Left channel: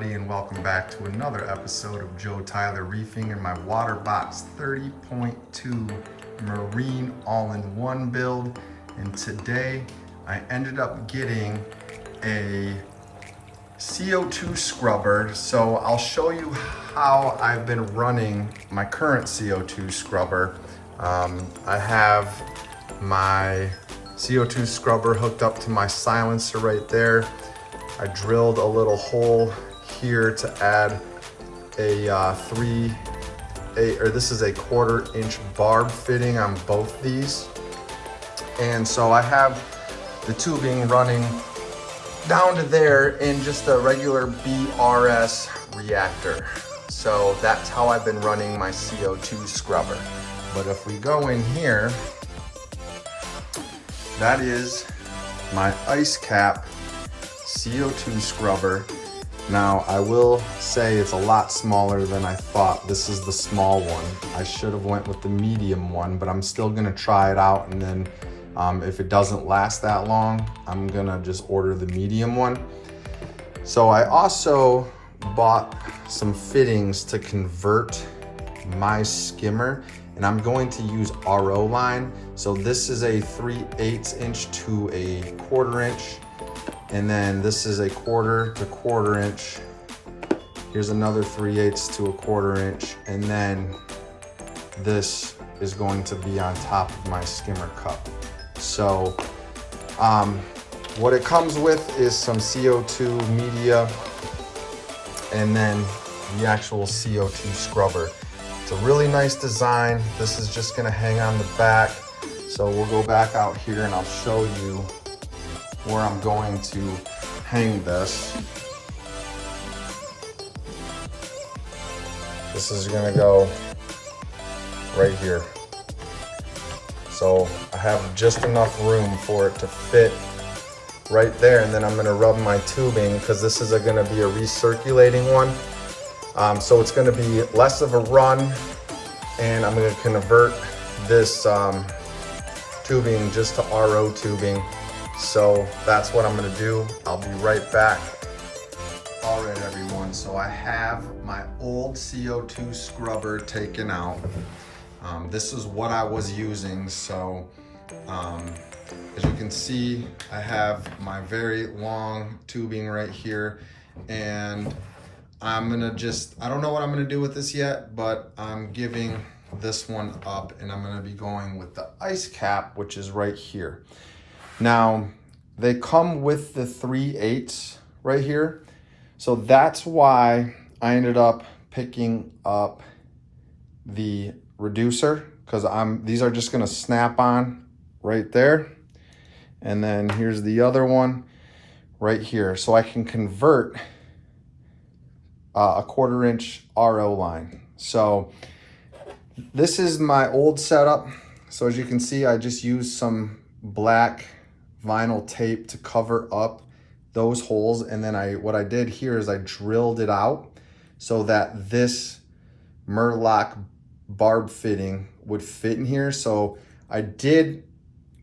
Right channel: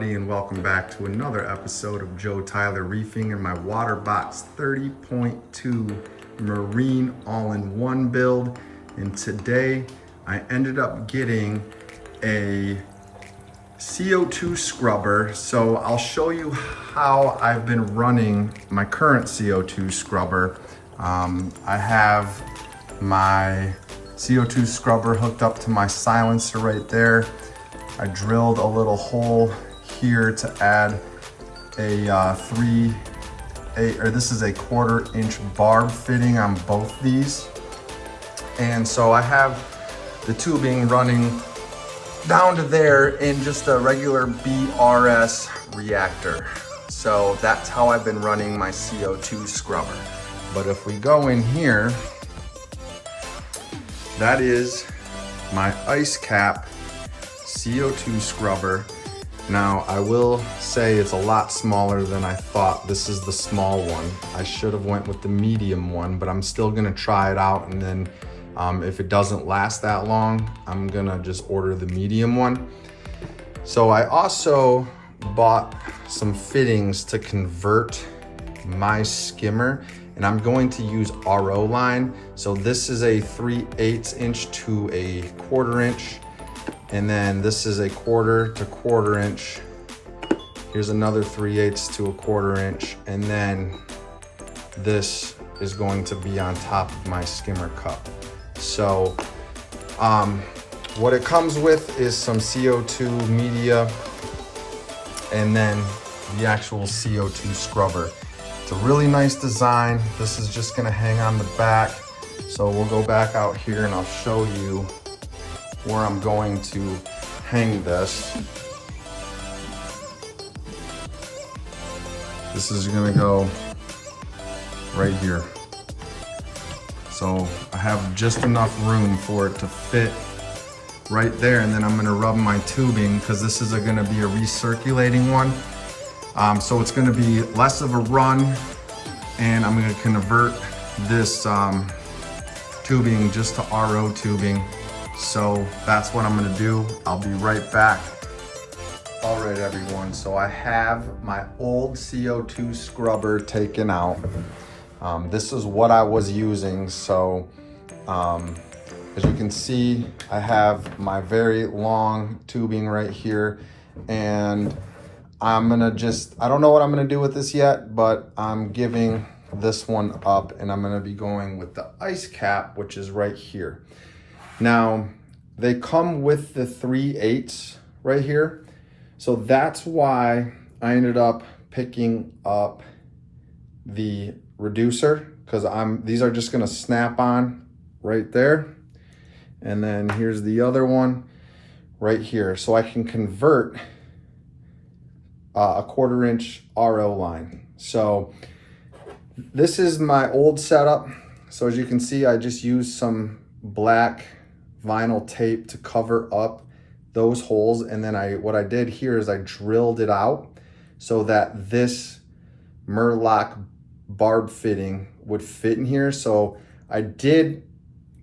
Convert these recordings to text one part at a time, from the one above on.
everybody, and welcome back to another episode of Joe Tyler Reefing in my Waterbox 30.2 Marine all-in-one build. And today I ended up getting a CO2 scrubber. So I'll show you how I've been running my current CO2 scrubber. I have my CO2 scrubber hooked up to my silencer right there. I drilled a little hole here to add a this is a 1/4 inch barb fitting on both these. And so I have the tubing running down to there in just a regular BRS reactor. So that's how I've been running my CO2 scrubber. But if we go in here, that is my IceCap CO2 scrubber. Now I will say it's a lot smaller than I thought. This is the small one. I should have went with the medium one, but I'm still gonna try it out, and then if it doesn't last that long, I'm gonna just order the medium one. So I also bought some fittings to convert my skimmer, and I'm going to use RO line. So this is a 3/8 inch to a 1/4 inch. And then this is a 1/4 to 1/4 inch. Here's another 3/8 to a 1/4 inch. And then this is going to be on top of my skimmer cup. So what it comes with is some CO2 media and then the actual CO2 scrubber. It's a really nice design. This is just gonna hang on the back. So we'll go back out here and I'll show you where I'm going to hang this. This is gonna go right here. So I have just enough room for it to fit right there, and then I'm gonna rub my tubing, because this is gonna be a recirculating one. So it's gonna be less of a run, and I'm gonna convert this tubing just to RO tubing. So that's what I'm gonna do. I'll be right back. All right, everyone. So I have my old CO2 scrubber taken out. This is what I was using. So as you can see, I have my very long tubing right here, and I'm gonna I don't know what I'm gonna do with this yet, but I'm giving this one up, and I'm gonna be going with the IceCap, which is right here. Now, they come with the 3/8 right here. So that's why I ended up picking up the reducer, because these are just gonna snap on right there. And then here's the other one right here. So I can convert a 1/4 inch RO line. So this is my old setup. So as you can see, I just used some black vinyl tape to cover up those holes, and then what I did here is I drilled it out so that this Murloc barb fitting would fit in here. So I did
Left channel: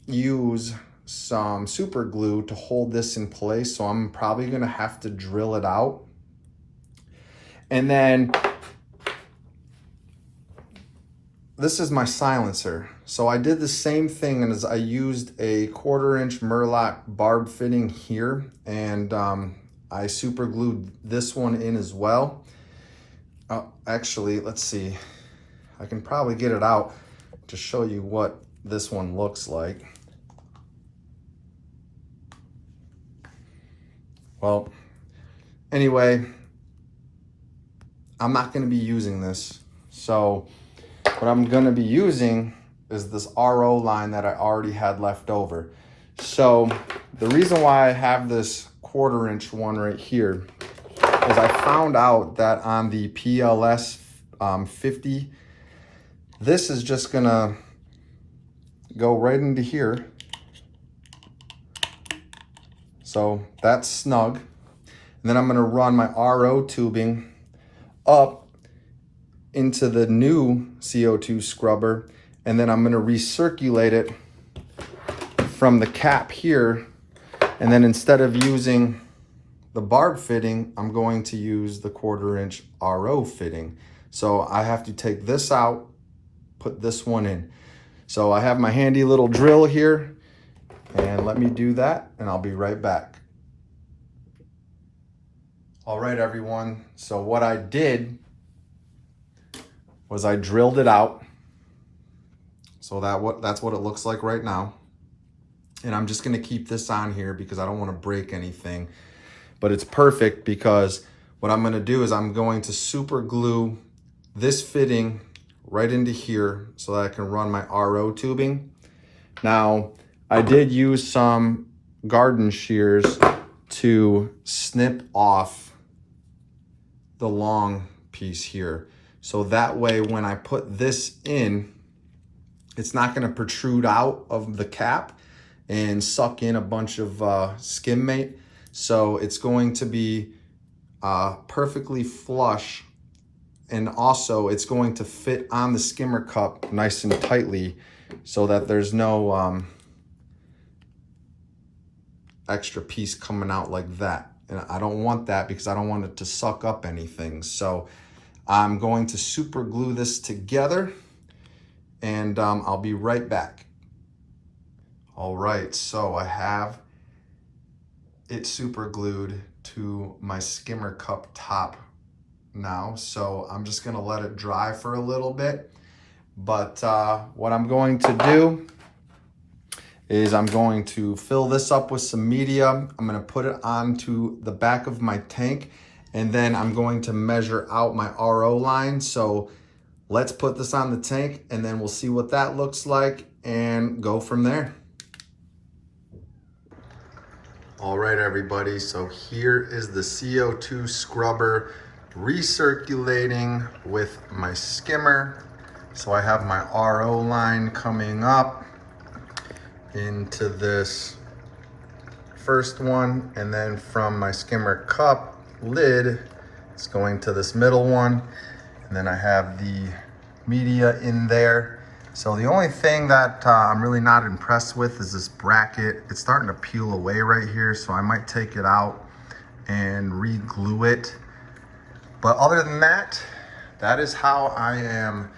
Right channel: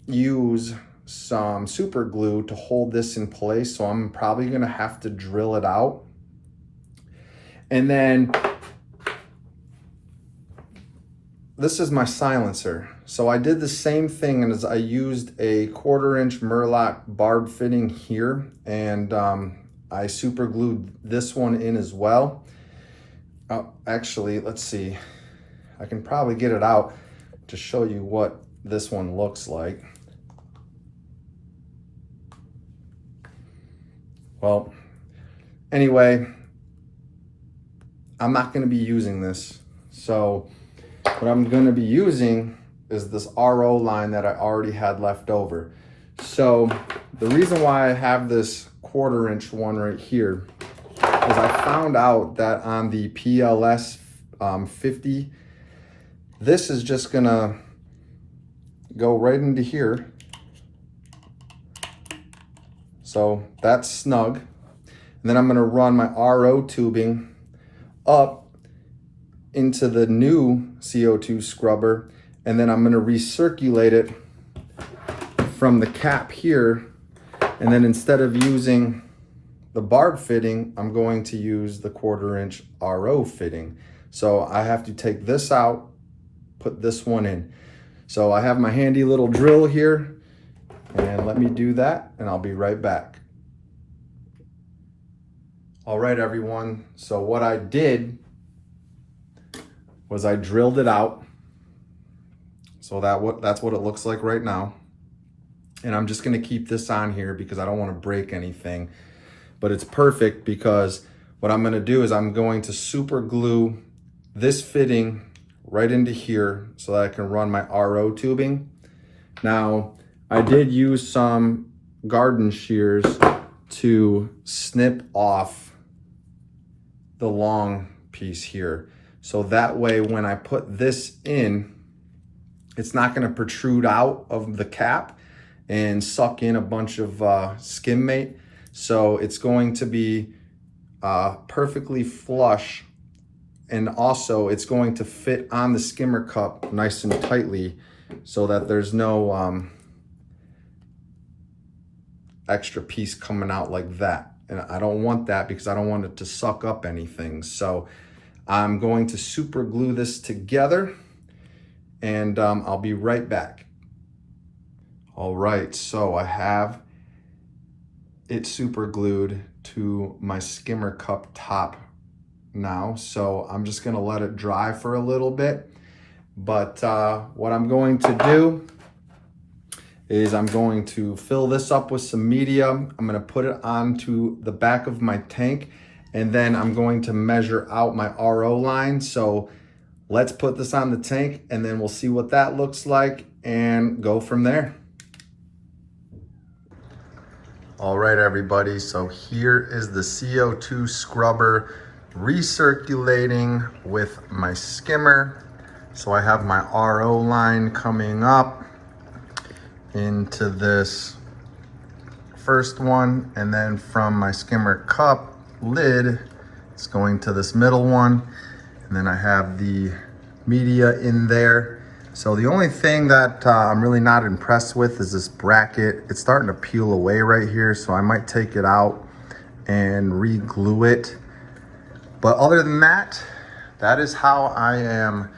use some super glue to hold this in place, so I'm probably gonna have to drill it out. And then this is my silencer. So I did the same thing, as I used a 1/4 inch Murloc barb fitting here, and I super glued this one in as well. Actually, let's see. I can probably get it out to show you what this one looks like. Well, anyway, I'm not gonna be using this. So what I'm gonna be using is this RO line that I already had left over. So the reason why I have this 1/4 inch one right here is I found out that on the PLS 50, this is just gonna go right into here. So that's snug. And then I'm gonna run my RO tubing up into the new CO2 scrubber, and then I'm gonna recirculate it from the cap here. And then instead of using the barb fitting, I'm going to use the 1/4 inch RO fitting. So I have to take this out, put this one in. So I have my handy little drill here, and let me do that and I'll be right back. All right, everyone. So what I did was I drilled it out. So that's what it looks like right now. And I'm just gonna keep this on here because I don't wanna break anything. But it's perfect because what I'm gonna do is I'm going to super glue this fitting right into here so that I can run my RO tubing. Now, I did use some garden shears to snip off the long piece here. So that way, when I put this in, it's not gonna protrude out of the cap and suck in a bunch of skim mate. So it's going to be perfectly flush, and also it's going to fit on the skimmer cup nice and tightly so that there's no extra piece coming out like that. And I don't want that because I don't want it to suck up anything. So I'm going to super glue this together, and I'll be right back. All right, so I have it super glued to my skimmer cup top now. So I'm just gonna let it dry for a little bit. But what I'm going to do is I'm going to fill this up with some media. I'm gonna put it onto the back of my tank, and then I'm going to measure out my RO line. So let's put this on the tank and then we'll see what that looks like and go from there. All right, everybody, so here is the CO2 scrubber recirculating with my skimmer. So I have my RO line coming up into this first one, and then from my skimmer cup lid, it's going to this middle one, and then I have the media in there. So the only thing that I'm really not impressed with is this bracket. It's starting to peel away right here, so I might take it out and re-glue it. But other than that, that is how I am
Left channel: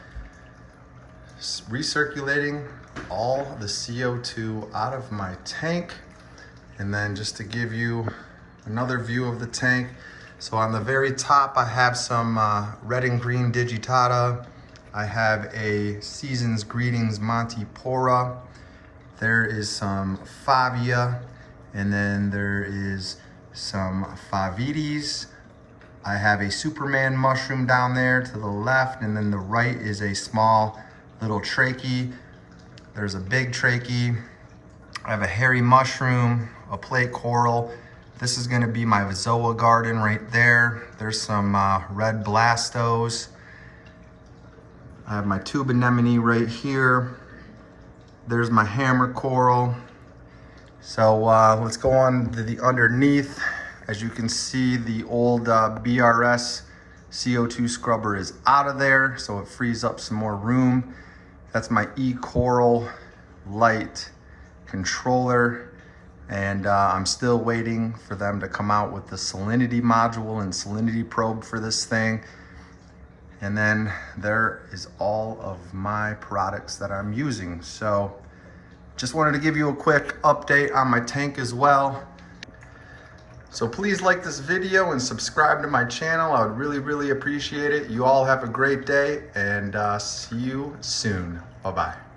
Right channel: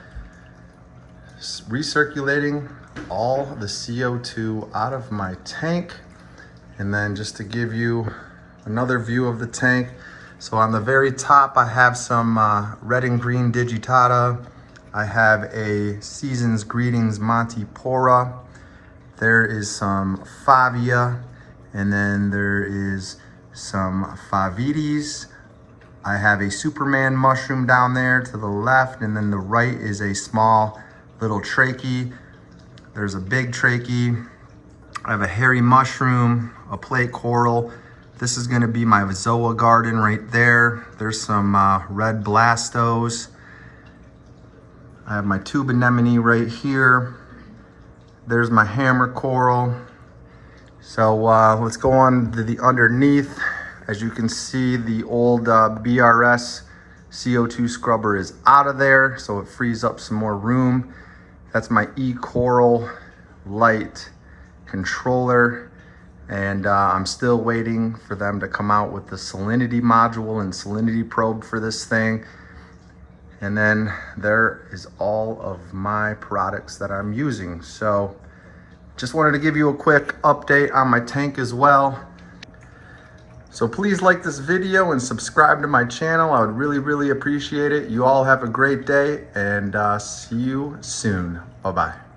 recirculating all the CO2 out of my tank. And then just to give you another view of the tank, so on the very top I have some red and green digitata. I have a Season's Greetings Montipora. There is some Favia, and then there is some Favites. I have a Superman mushroom down there to the left, and then the right is a small little trachea. There's a big trachea. I have a hairy mushroom, a plate coral. This is gonna be my Zoa garden right there. There's some red blastos. I have my tube anemone right here. There's my hammer coral. So let's go on to the underneath. As you can see, the old BRS CO2 scrubber is out of there, so it frees up some more room. That's my E-Coral light controller, and I'm still waiting for them to come out with the salinity module and salinity probe for this thing. And then there is all of my products that I'm using. So just wanted to give you a quick update on my tank as well. So please like this video and subscribe to my channel. I would really appreciate it. You all have a great day, and see you soon. Bye-bye.